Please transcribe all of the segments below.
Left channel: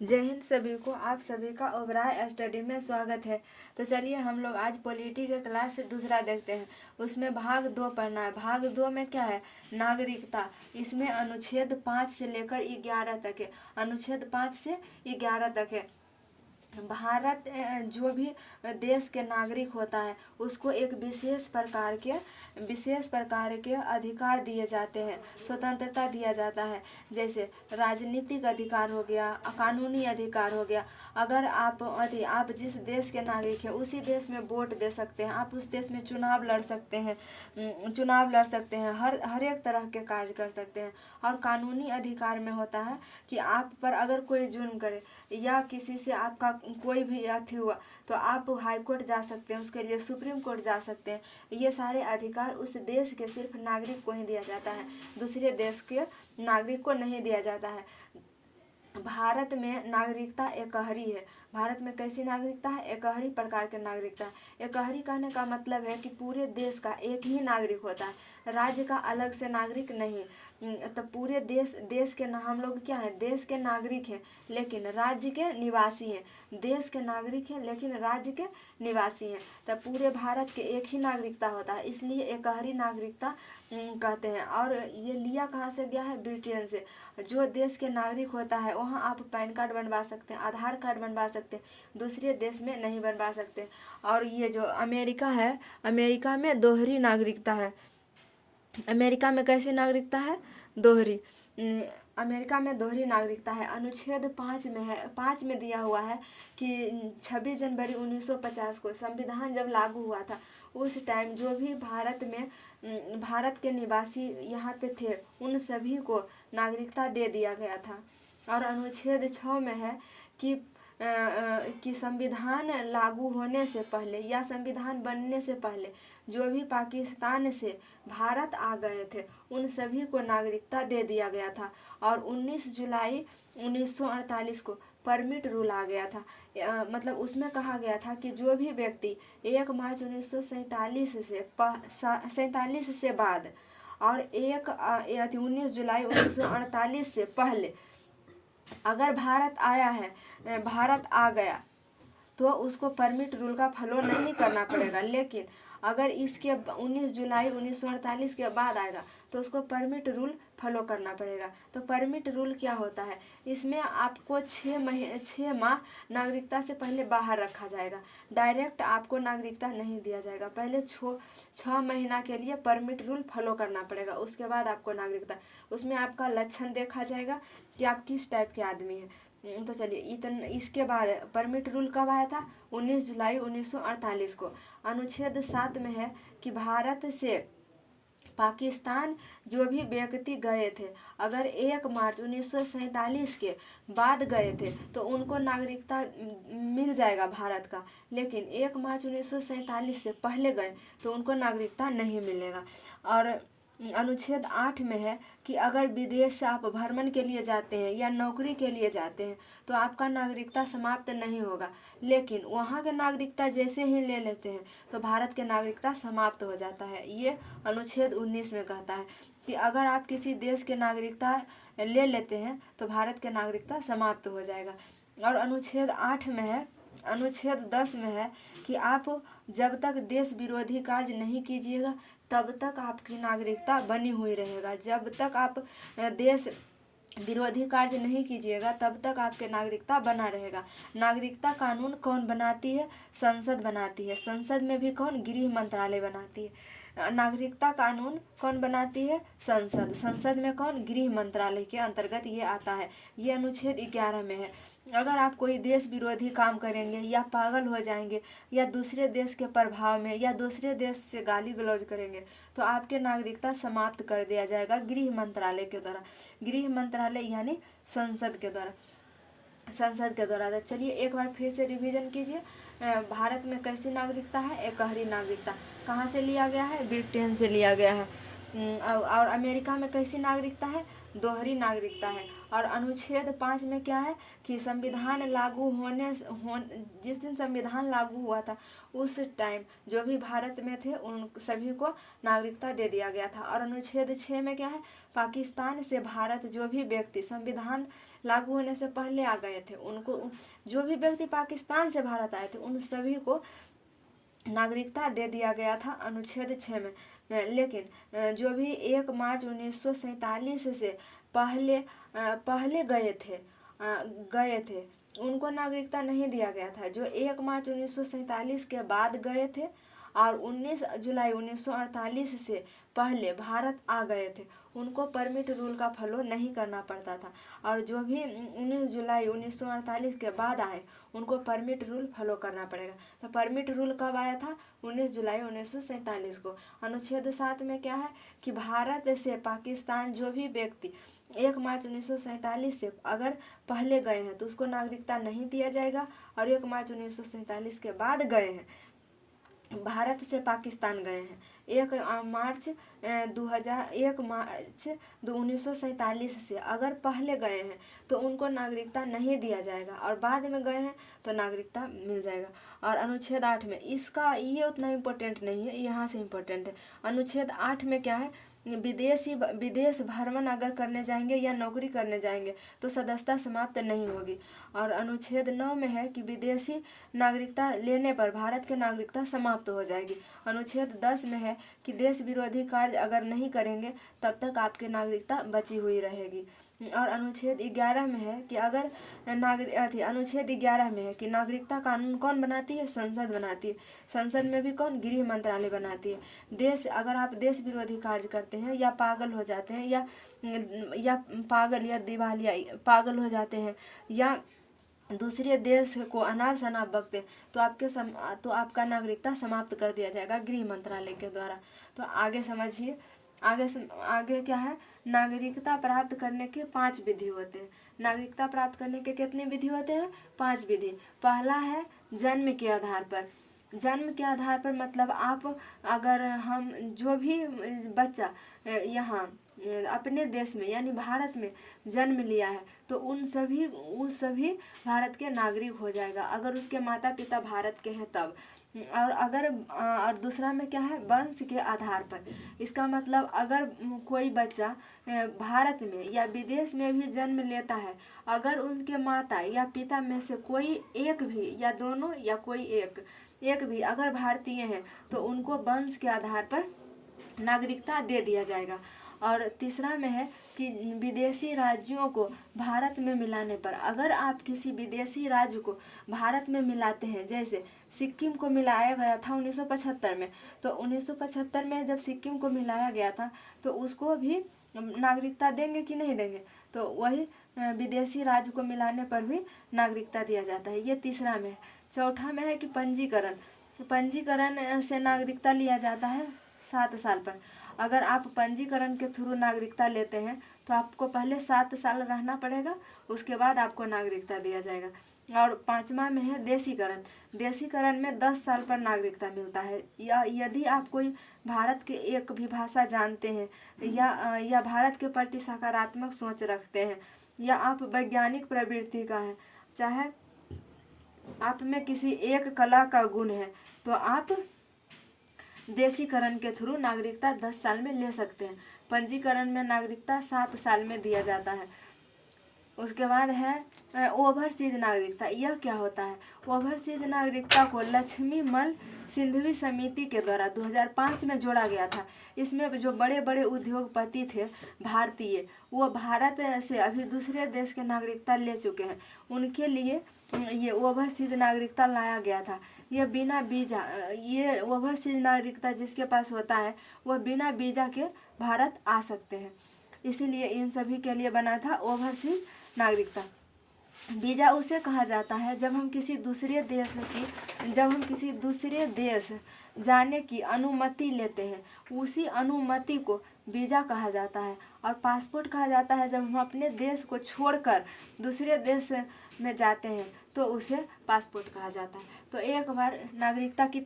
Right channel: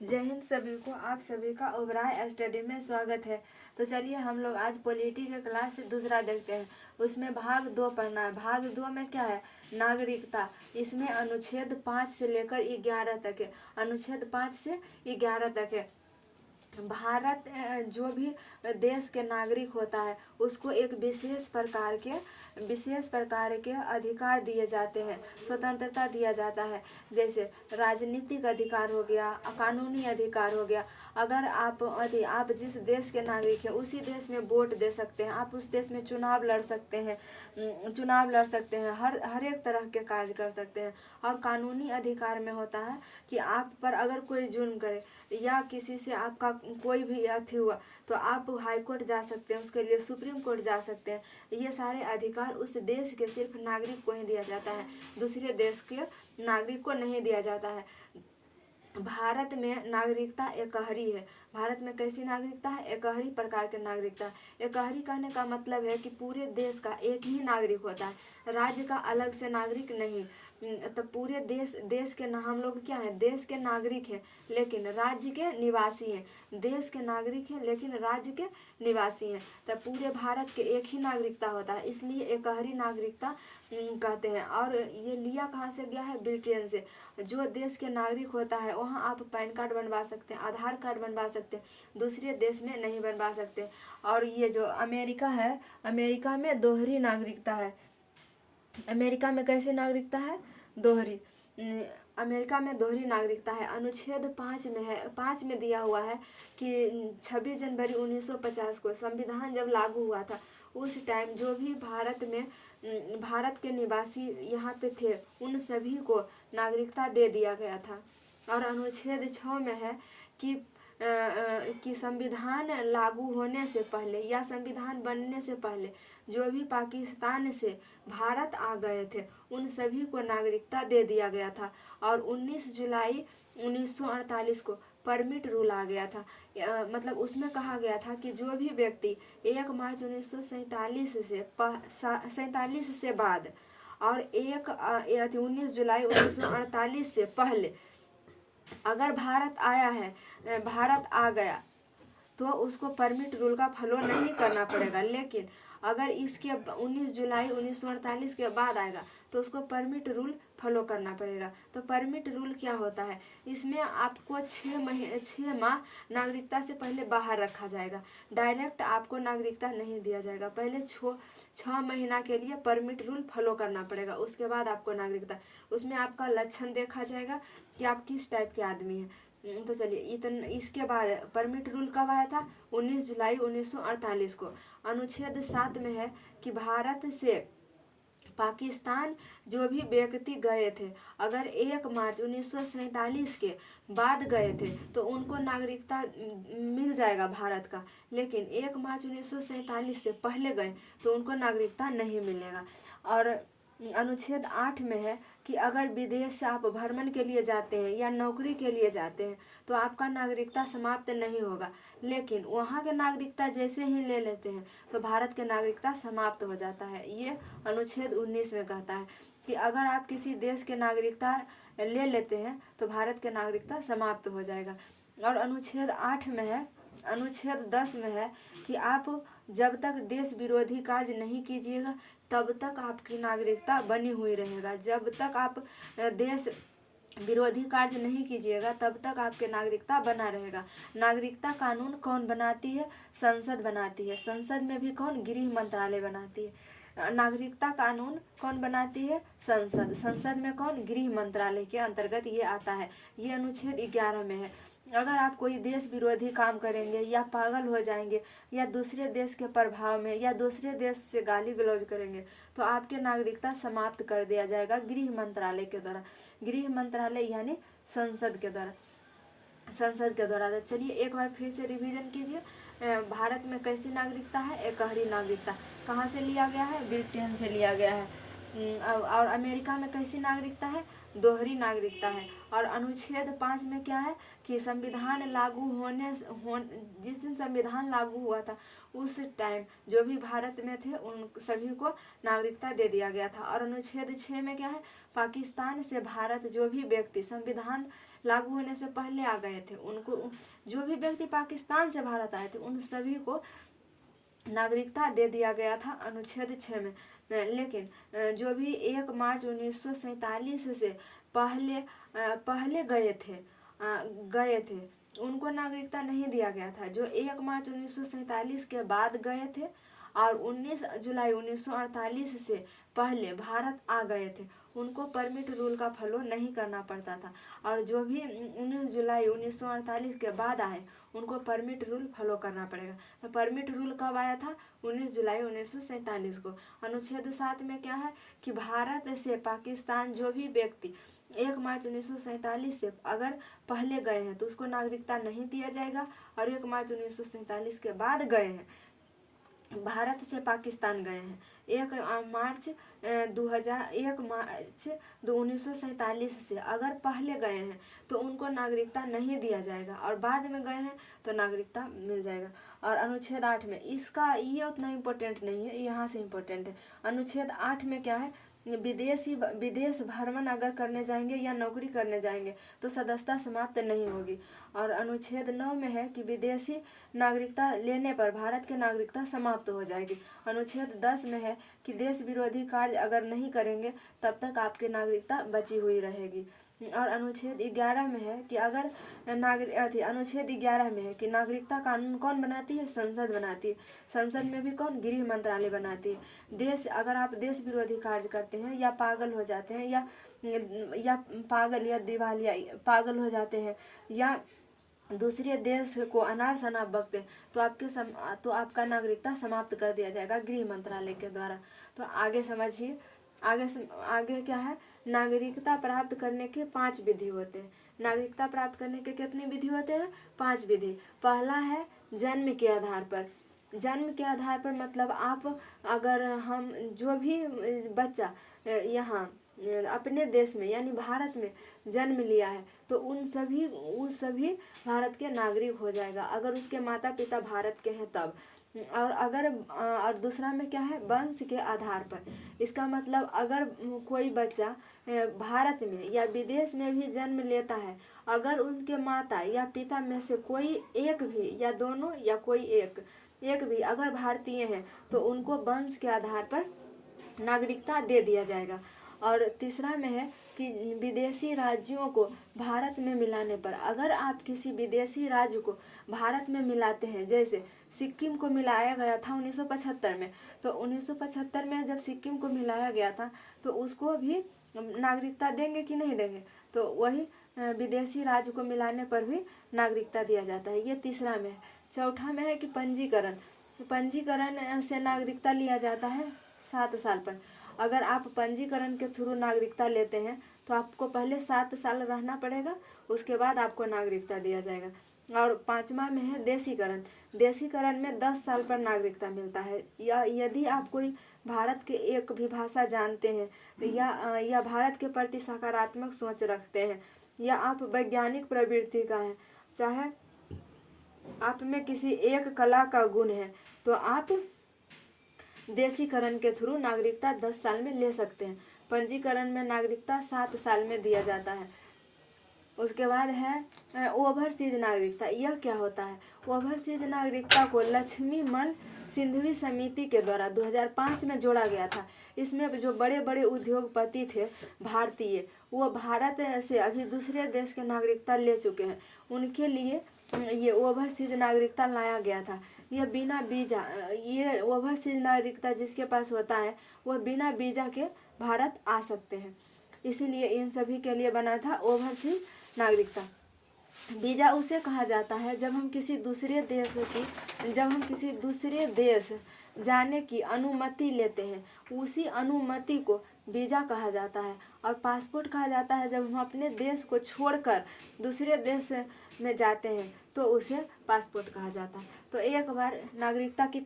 जय हिंद सभी को। आप सभी का ओबराय स्टडी में स्वागत है। तो चलिए हम लोग आज पॉलिटी के क्लास से दूसरा देखते हैं। उसमें भाग 2 पढ़ना है। भाग 2 में क्या है? नागरिकता। इसमें अनुच्छेद 5 से लेकर 11 तक है। अनुच्छेद 5 से 11 तक है। भारत जो भी देश के नागरिक होता है उसको एक विशेष प्रकार के अधिकार दिए जाते हैं, स्वतंत्रता दिया जाता है। जैसे राजनीतिक अधिकार हो गया, कानूनी अधिकार हो गया। अगर आप जिस देश के नागरिक हैं उसी देश में वोट दे सकते हैं, आप उस देश में चुनाव लड़ सकते हैं, हर एक तरह के कार्य कर सकते हैं। और कानूनी अधिकार में होता है कि आप पर अगर कोई जुर्म करे या किसी से आपका कोई भी अथी हुआ तो आप हाई कोर्ट जा सकते हैं, उसके लिए सुप्रीम कोर्ट जा सकते हैं। ये सारे अधिकार उस देश के सिर्फ नागरिक को ही दिया जाता है, दूसरे देश के नागरिक को नहीं दिया जाता है। भारत में नागरिकता एकहरी है। भारत में कैसी नागरिकता है? एकहरी प्रकार के नागरिकता। एकहरी कहने का मतलब है कि पूरे देश का एक ही नागरिक होता है, राज्य का अलग से नागरिक नहीं। तो पूरे देश के हम लोग क्या है? देश के नागरिक हैं लेकिन राज्य के निवासी हैं। देश के नागरिक हैं लेकिन राज्य के निवासी हैं। तब पूरे भारत के एक ही नागरिकता होता है, इसलिए एकहरी नागरिकता कहते हैं। और ये लिया कहाँ से गया है? ब्रिटेन से। जो देश के नागरिक होता है वहाँ आप पैन कार्ड बनवा सकते हैं, आधार कार्ड बनवा सकते हैं, दूसरे देश में नहीं बनवा सकते। और ये जो अमेरिका है, अमेरिका में दोहरी नागरिकता है। अमेरिका में कैसी नागरिकता है? दोहरी। अमेरिका में दोहरी नागरिकता है। अनुच्छेद 5 में है, 5 में दिया हुआ है कि 26 जनवरी 1950 को संविधान जब लागू हुआ था उस टाइम जो भी भारत के निवासी यहाँ पे थे उन सभी को नागरिकता दे दिया गया था। और अनुच्छेद 6 में है कि संविधान लागू होने से पहले या संविधान बनने से पहले जो भी पाकिस्तान से भारत आ गए थे उन सभी को नागरिकता दे दिया गया था। और 19 जुलाई 1948 को परमिट रूल आ गया था। मतलब उसमें कहा गया था कि जो भी व्यक्ति 1 मार्च 1947 से बाद और 19 जुलाई 1948 से पहले अगर भारत आ गया तो उसको परमिट रूल का फॉलो नहीं करना पड़ेगा। लेकिन अगर इसके 19 जुलाई 1948 के बाद आएगा तो उसको परमिट रूल फॉलो करना पड़ेगा। तो परमिट रूल क्या होता है? इसमें आपको 6 माह नागरिकता से पहले बाहर रखा जाएगा, डायरेक्ट आपको नागरिकता नहीं दिया जाएगा। पहले 6 महीना के लिए परमिट रूल फॉलो करना पड़ेगा, उसके बाद आपको नागरिकता। उसमें आपका लक्षण देखा जाएगा कि आप किस टाइप के आदमी हैं। तो चलिए इसके बाद परमिट रूल कब आया था? 19 जुलाई 1948 को। अनुच्छेद 7 में है कि भारत से पाकिस्तान जो भी व्यक्ति गए थे अगर 1 मार्च 1947 के बाद गए थे तो उनको नागरिकता मिल जाएगा भारत का। लेकिन 1 मार्च 1947 से पहले गए तो उनको नागरिकता नहीं मिलेगा। और अनुच्छेद 8 में है कि अगर विदेश से आप भ्रमण के लिए जाते हैं या नौकरी के लिए जाते हैं तो आपका नागरिकता समाप्त नहीं होगा। लेकिन वहाँ के नागरिकता जैसे ही ले लेते हैं तो भारत के नागरिकता समाप्त हो जाता है। ये अनुच्छेद 19 में कहता है कि अगर आप किसी देश के नागरिकता ले लेते हैं तो भारत के नागरिकता समाप्त हो जाएगा। और अनुच्छेद 8 में है, अनुच्छेद 10 में है कि आप जब तक देश विरोधी कार्य नहीं कीजिएगा तब तक आपकी नागरिकता बनी हुई रहेगा। जब तक आप देश विरोधी कार्य नहीं कीजिएगा तब तक आपके नागरिकता बना रहेगा। नागरिकता कानून कौन बनाती है? संसद बनाती है। संसद में भी कौन? गृह मंत्रालय बनाती है। नागरिकता कानून कौन बनाती है? संसद। संसद में कौन? गृह मंत्रालय के अंतर्गत ये आता है। ये अनुच्छेद 11 में है। अगर आप कोई देश विरोधी काम करेंगे या पागल हो जाएंगे या दूसरे देश के प्रभाव में या दूसरे देश से गाली गलौज करेंगे तो आपके नागरिकता समाप्त कर दिया जाएगा गृह मंत्रालय के द्वारा। गृह मंत्रालय यानी संसद के द्वारा। तो चलिए एक बार फिर से रिवीजन कीजिए। भारत में कैसी नागरिकता है? एकहरी नागरिकता। कहाँ से लिया गया है? ब्रिटेन से लिया गया है। और अमेरिका में कैसी नागरिकता है? दोहरी नागरिकता है। और अनुच्छेद 5 में क्या है कि संविधान लागू जिस दिन संविधान लागू हुआ था उस टाइम जो भी भारत में थे उन सभी को नागरिकता दे दिया गया था। और अनुच्छेद 6 में क्या है? पाकिस्तान से भारत जो भी व्यक्ति संविधान लागू होने से पहले आ गए थे, उनको जो भी व्यक्ति पाकिस्तान से भारत आए थे उन सभी को नागरिकता दे दिया गया था अनुच्छेद 6 में। लेकिन जो भी 1 मार्च 1947 से पहले गए थे उनको नागरिकता नहीं दिया गया था। जो 1 मार्च 1947 के बाद गए थे और 19 जुलाई 1948 से पहले भारत आ गए थे उनको परमिट रूल का फॉलो नहीं करना पड़ता था। और जो भी 19 जुलाई 1948 के बाद आए उनको परमिट रूल फॉलो करना पड़ेगा। तो परमिट रूल कब आया था? 19 जुलाई 1947 को। अनुच्छेद 7 में क्या है कि भारत से पाकिस्तान जो भी व्यक्ति 1 मार्च 1947 से अगर पहले गए हैं तो उसको नागरिकता नहीं दिया जाएगा, और 1 मार्च 1947 के बाद गए हैं, भारत से पाकिस्तान गए हैं 1 मार्च 1947 से अगर पहले गए हैं तो उनको नागरिकता नहीं दिया जाएगा, और बाद में गए हैं तो नागरिकता मिल जाएगा। और अनुच्छेद 8 में इसका ये उतना इम्पोर्टेंट नहीं है, यहाँ से इम्पोर्टेंट है। अनुच्छेद 8 में क्या है, विदेश भ्रमण अगर करने जाएंगे या नौकरी करने जाएंगे तो सदस्यता समाप्त नहीं होगी। और अनुच्छेद 9 में है कि विदेशी नागरिकता लेने पर भारत की नागरिकता समाप्त हो जाएगी। अनुच्छेद 10 में है कि देश विरोधी कार्य अगर नहीं करेंगे तब तक आपकी नागरिकता बची हुई रहेगी। और अनुच्छेद 11 में है कि अगर अनुच्छेद 11 में है कि नागरिकता कानून कौन बनाती है? संसद बनाती है। संसद में भी कौन? गृह मंत्रालय बनाती है। अगर आप देश विरोधी कार्य करते हैं या पागल हो जाते हैं या पागल हो जाते हैं या दूसरे देश को अनाप शनाप बकते तो आपका नागरिकता समाप्त कर दिया जाएगा गृह मंत्रालय के द्वारा। तो आगे समझिए, आगे क्या है, नागरिकता प्राप्त करने के 5 विधि होते हैं। नागरिकता प्राप्त करने के कितने विधि होते हैं? 5 विधि। पहला है जन्म के आधार पर। जन्म के आधार पर मतलब हम जो भी बच्चा यहाँ अपने देश में यानी भारत में जन्म लिया है तो उस सभी भारत के नागरिक हो जाएगा अगर उसके माता पिता भारत के हैं तब। और दूसरा में क्या है, वंश के आधार पर। इसका मतलब अगर कोई बच्चा भारत में या विदेश में भी जन्म लेता है, अगर उनके माता या पिता में से कोई एक भी या दोनों या कोई एक भी अगर भारतीय हैं तो उनको वंश के आधार पर नागरिकता दे दिया जाएगा। और तीसरा में है कि विदेशी राज्यों को भारत में मिलाने पर, अगर आप किसी विदेशी राज्य को भारत में मिलाते हैं, जैसे सिक्किम को मिलाया गया था 1975 में, तो 1975 में जब सिक्किम को मिलाया गया था तो उसको भी नागरिकता देंगे कि नहीं देंगे? तो वही विदेशी राज्य को मिलाने पर भी नागरिकता दिया जाता है। ये तीसरा में है। चौथा में है कि पंजीकरण से नागरिकता लिया जाता है 7 साल पर। अगर आप पंजीकरण के थ्रू नागरिकता लेते हैं तो आपको पहले 7 साल रहना पड़ेगा, उसके बाद आपको नागरिकता दिया जाएगा। और 5वां में है देशीकरण में 10 साल पर नागरिकता मिलता है। या यदि आप कोई भारत के एक भी भाषा जानते हैं या भारत के प्रति सकारात्मक सोच रखते हैं या आप वैज्ञानिक प्रवृत्ति का है, चाहे आप में किसी एक कला का गुण है, तो आप देशीकरण के थ्रू नागरिकता 10 साल में ले सकते हैं। पंजीकरण में नागरिकता 7 साल में दिया जाता है। उसके बाद है ओवरसीज नागरिकता। यह क्या होता है? ओवरसीज नागरिकता को लक्ष्मीमल सिंघवी समिति के द्वारा 2005 में जोड़ा गया था। इसमें जो बड़े बड़े उद्योगपति थे भारतीय, वो भारत से अभी दूसरे देश के नागरिकता ले चुके हैं, उनके लिए ये ओवरसीज नागरिकता लाया गया था। ये बिना वीजा, ये ओवरसीज नागरिकता जिसके पास होता है वह बिना वीजा के भारत आ सकते हैं, इसीलिए इन सभी के लिए बना था ओवरसीज नागरिकता। वीजा उसे कहा जाता है जब हम किसी दूसरे देश जाने की अनुमति लेते हैं, उसी अनुमति को वीजा कहा जाता है। और पासपोर्ट कहा जाता है जब हम अपने देश को छोड़कर दूसरे देश में जाते हैं तो उसे पासपोर्ट कहा जाता है। तो एक बार नागरिकता के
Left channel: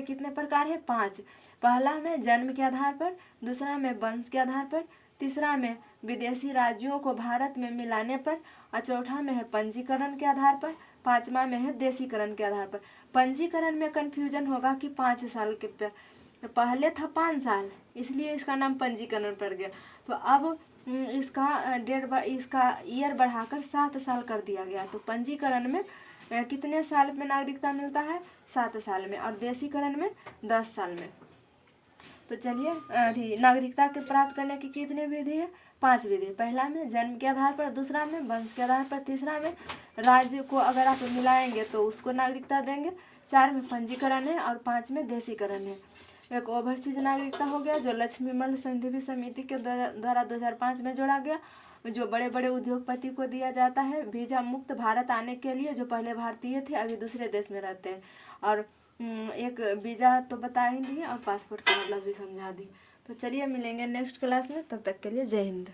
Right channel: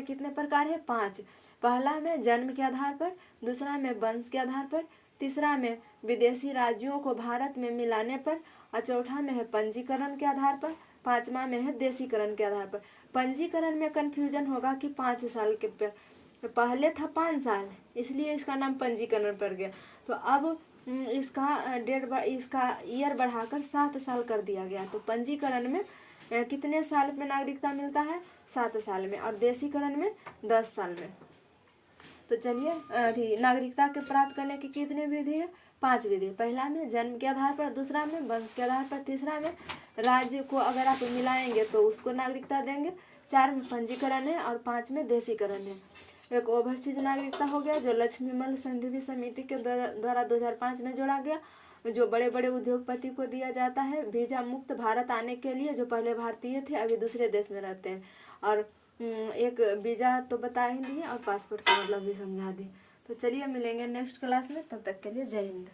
कितने प्रकार है? 5। पहला में जन्म के आधार पर, दूसरा में वंश के आधार पर, तीसरा में विदेशी राज्यों को भारत में मिलाने पर, और चौथा में है पंजीकरण के आधार पर, 5वां में है देशीकरण के आधार पर। पंजीकरण में कन्फ्यूजन होगा कि 5 साल के पहले था 5 साल, इसलिए इसका नाम पंजीकरण पड़ गया। तो अब इसका ईयर बढ़ाकर 7 साल कर दिया गया। तो पंजीकरण में कितने साल में नागरिकता मिलता है? 7 साल में। और देशीकरण में 10 साल में। तो चलिए नागरिकता के प्राप्त करने की कितनी विधि है? 5 विधि। पहला में जन्म के आधार पर, दूसरा में वंश के आधार पर, तीसरा में राज्य को अगर आप मिलाएंगे तो उसको नागरिकता देंगे, 4 में पंजीकरण है और 5 में देशीकरण है। एक ओवरसीज नागरिकता हो गया जो लक्ष्मीमल संधि समिति के द्वारा 2005 में जोड़ा गया, जो बड़े बड़े उद्योगपति को दिया जाता है वीजा मुक्त भारत आने के लिए, जो पहले भारतीय थे अभी दूसरे देश में रहते हैं। और एक वीजा तो बता ही दिए और पासपोर्ट का मतलब भी समझा दी। तो चलिए मिलेंगे नेक्स्ट क्लास में, तब तक के लिए जय हिंद।